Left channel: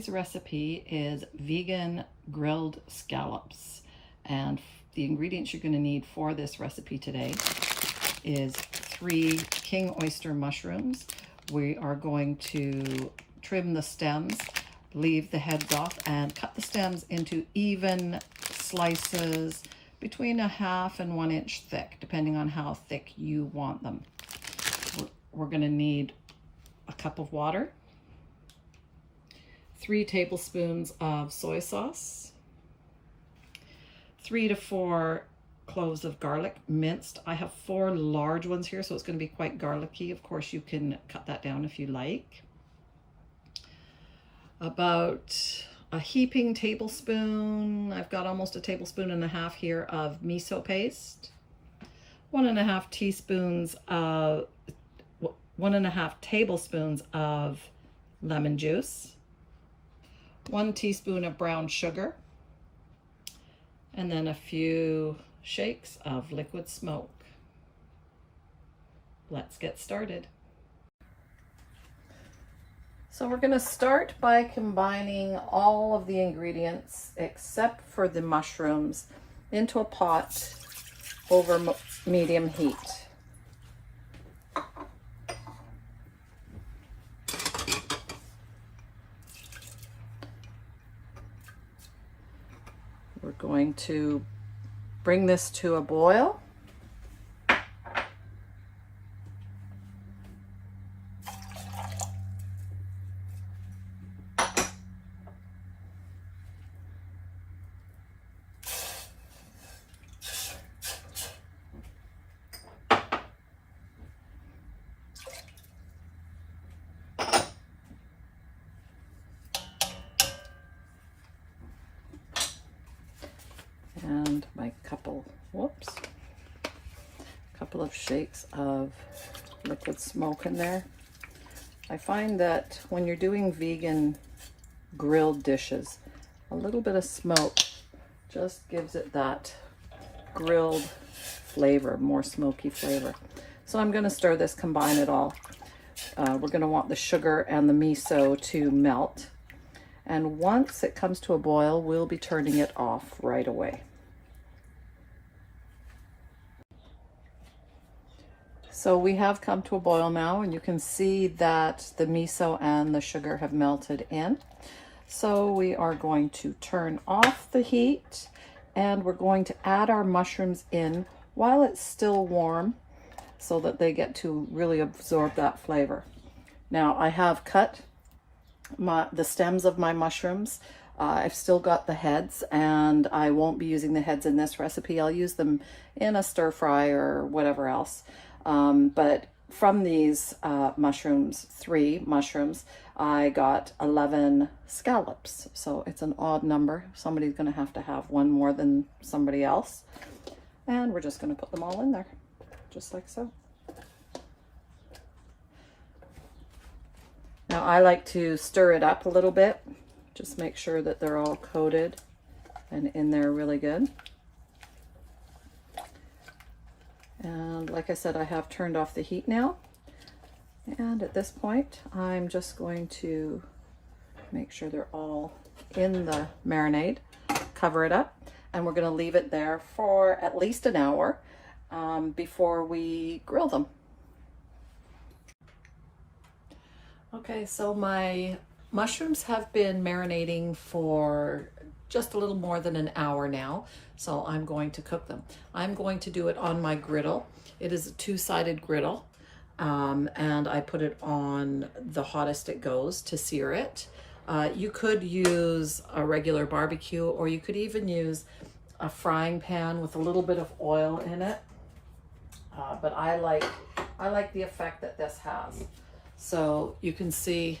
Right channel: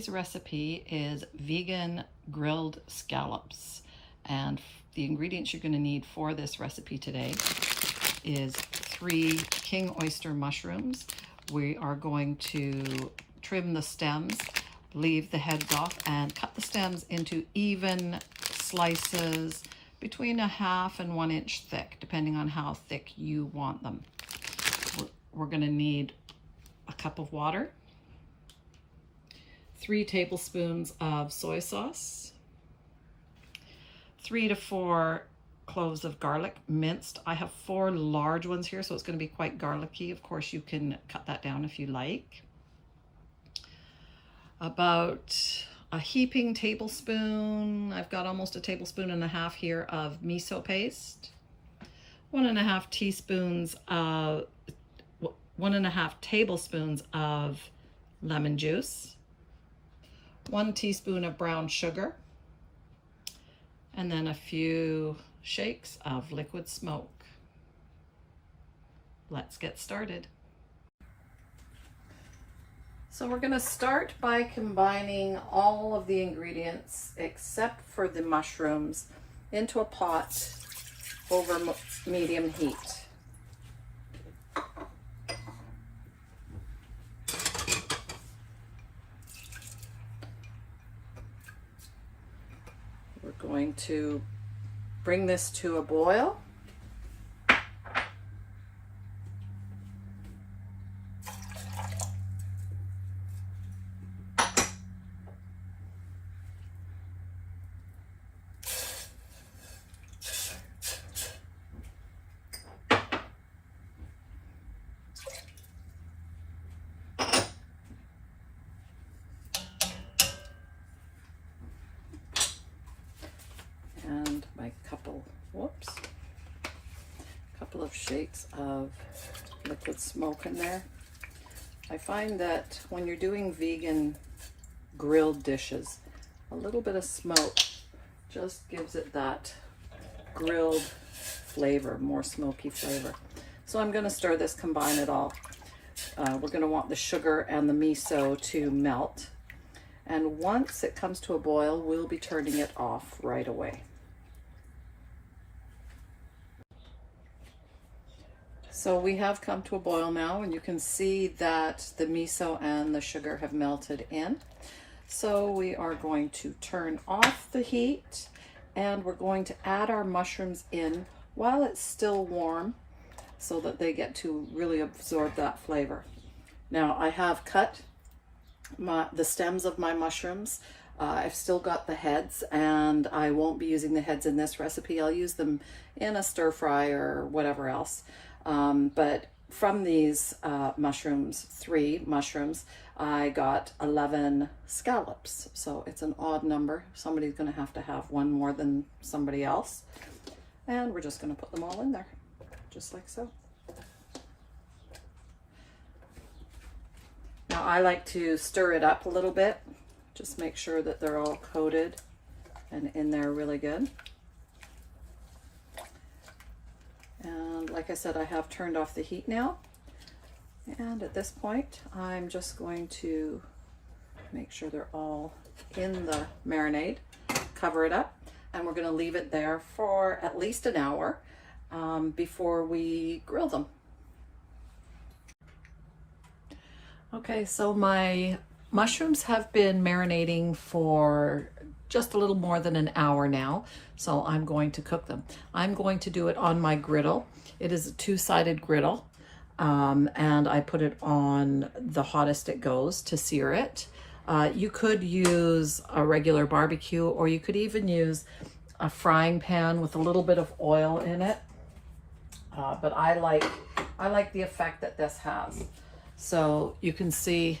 Today's recipe is vegan grilled scallops, and the ingredients you're going to need for this recipe today is 3 King Oyster mushrooms. We are going to trim the stems, leave the heads off, and cut the stems into even slices between 1/2 and 1 inch thick, depending on how thick you want them. We're going to need a cup of water, 3 tablespoons of soy sauce, 3 to 4 cloves of garlic minced. I have 4 large ones here, so it's going to be quite garlicky. Of course, you can cut that down if you like. About a heaping tablespoon, I've got almost a tablespoon and a half here of miso paste, 1.5 teaspoons of 1.5 tablespoons of lemon juice, 1 teaspoon of brown sugar, and then a few shakes of liquid smoke. Let's get started. So we're going to start by combining all of the ingredients except for the mushrooms into a pot over medium heat. We're going to bring this to a boil. And my couple of shakes of liquid smoke in there. I find that when you're doing vegan grilled dishes, a little bit of smoke just gives it that grilled flavor, more smoky flavor. So I'm going to stir this, combine it all. We're going to want the sugar and the miso to melt. And once it comes to a boil, we'll be turning it off right away. So we have come to a boil now, and you can see that the miso and the sugar have melted in. So we are going to turn off the heat, and we're going to add our mushrooms in while it's still warm so that they get to really absorb that flavor. Now I have cut the stems of my mushrooms. I've still got the heads, and I won't be using the heads in this recipe. I'll use them in a stir fry or whatever else. But from these mushrooms, 3 mushrooms, I got 11 scallops. So it's an odd number. Somebody's going to have one more than somebody else. And we're just going to put them all in there, just like so. Now I like to stir it up a little bit, just make sure that they're all coated and in there really good. And like I said, I have turned off the heat now. And at this point, I'm just going to make sure they're all in the marinade, cover it up, and we're going to leave it there for at least an hour before we grill them. Okay, so my mushrooms have been marinating for just a little more than an hour now, so I'm going to cook them. I'm going to do it on my griddle. It is a 2-sided griddle, and I put it on the hottest it goes to sear it. You could use a regular barbecue, or you could even use a frying pan with a little bit of oil in it, but I like the effect that this has. So you can see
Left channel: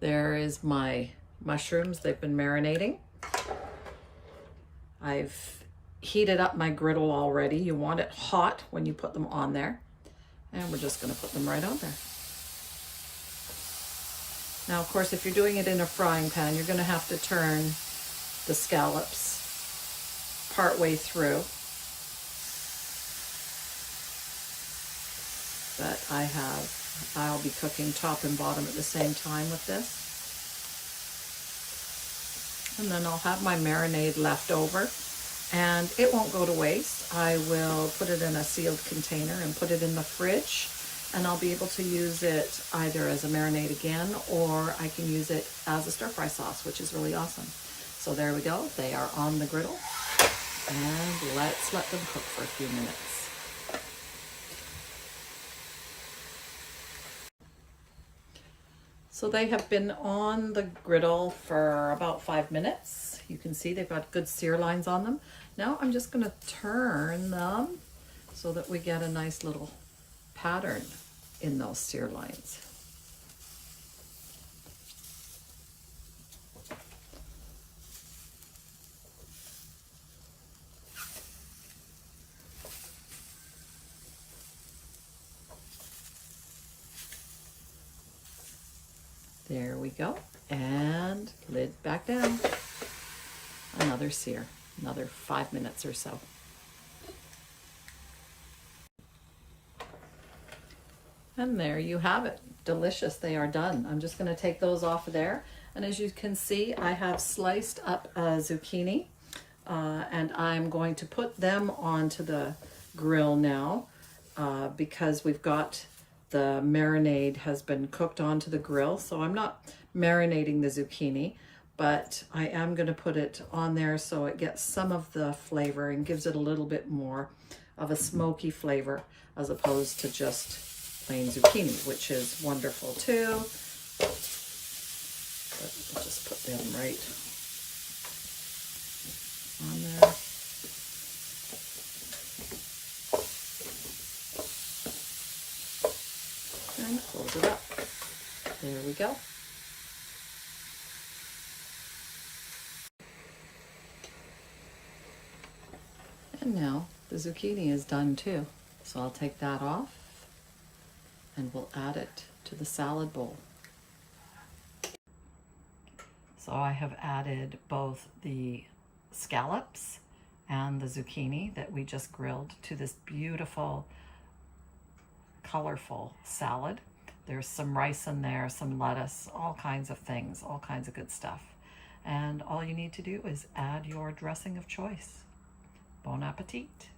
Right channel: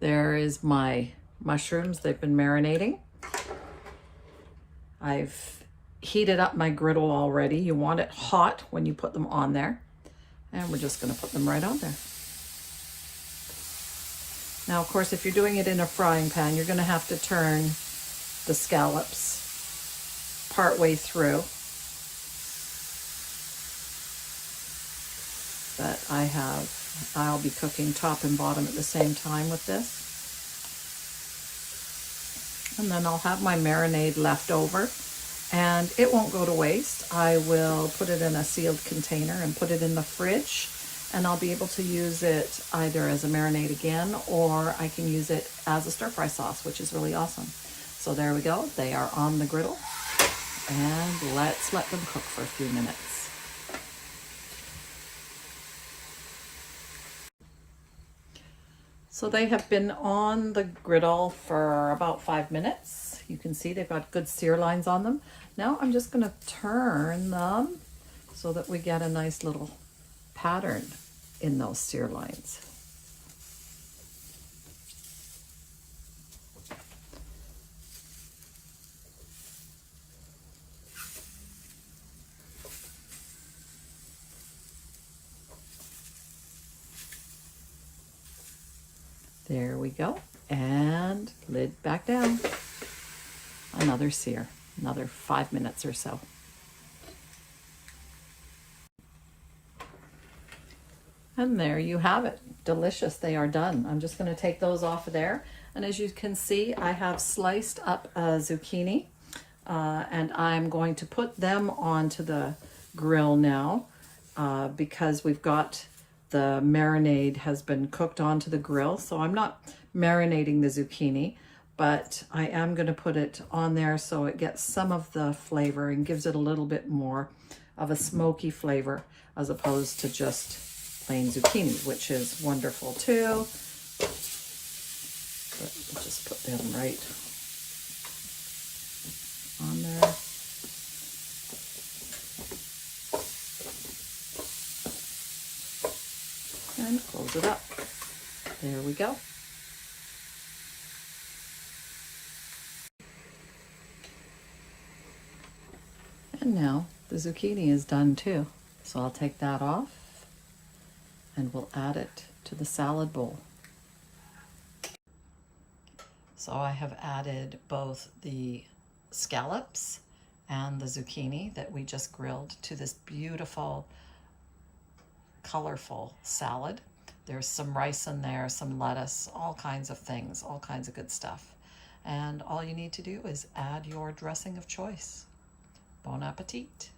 there is my mushrooms. They've been marinating. I've heated up my griddle already. You want it hot when you put them on there. And we're just going to put them right on there. Now, of course, if you're doing it in a frying pan, you're going to have to turn the scallops partway through. But I'll be cooking top and bottom at the same time with this. And then I'll have my marinade left over, and it won't go to waste. I will put it in a sealed container and put it in the fridge, and I'll be able to use it either as a marinade again, or I can use it as a stir-fry sauce, which is really awesome. So there we go. They are on the griddle, and let's let them cook for a few minutes. So they have been on the griddle for about 5 minutes. You can see they've got good sear lines on them. Now I'm just going to turn them so that we get a nice little pattern in those sear lines. There we go. And lid back down. Another sear, another 5 minutes or so. And there you have it. Delicious. They are done. I'm just going to take those off of there. And as you can see, I have sliced up a zucchini, and I'm going to put them onto the grill now because we've got the marinade has been cooked onto the grill. So I'm not marinating the zucchini, but I am going to put it on there so it gets some of the flavor and gives it a little bit more of a smoky flavor as opposed to just plain zucchini, which is wonderful too. But we'll just put them right on there. And close it up. There we go. And now the zucchini is done too. So I'll take that off and we'll add it to the salad bowl. So I have added both the scallops and the zucchini that we just grilled to this beautiful, colorful salad. There's some rice in there, some lettuce, all kinds of things, all kinds of good stuff. And all you need to do is add your dressing of choice. Bon appetit.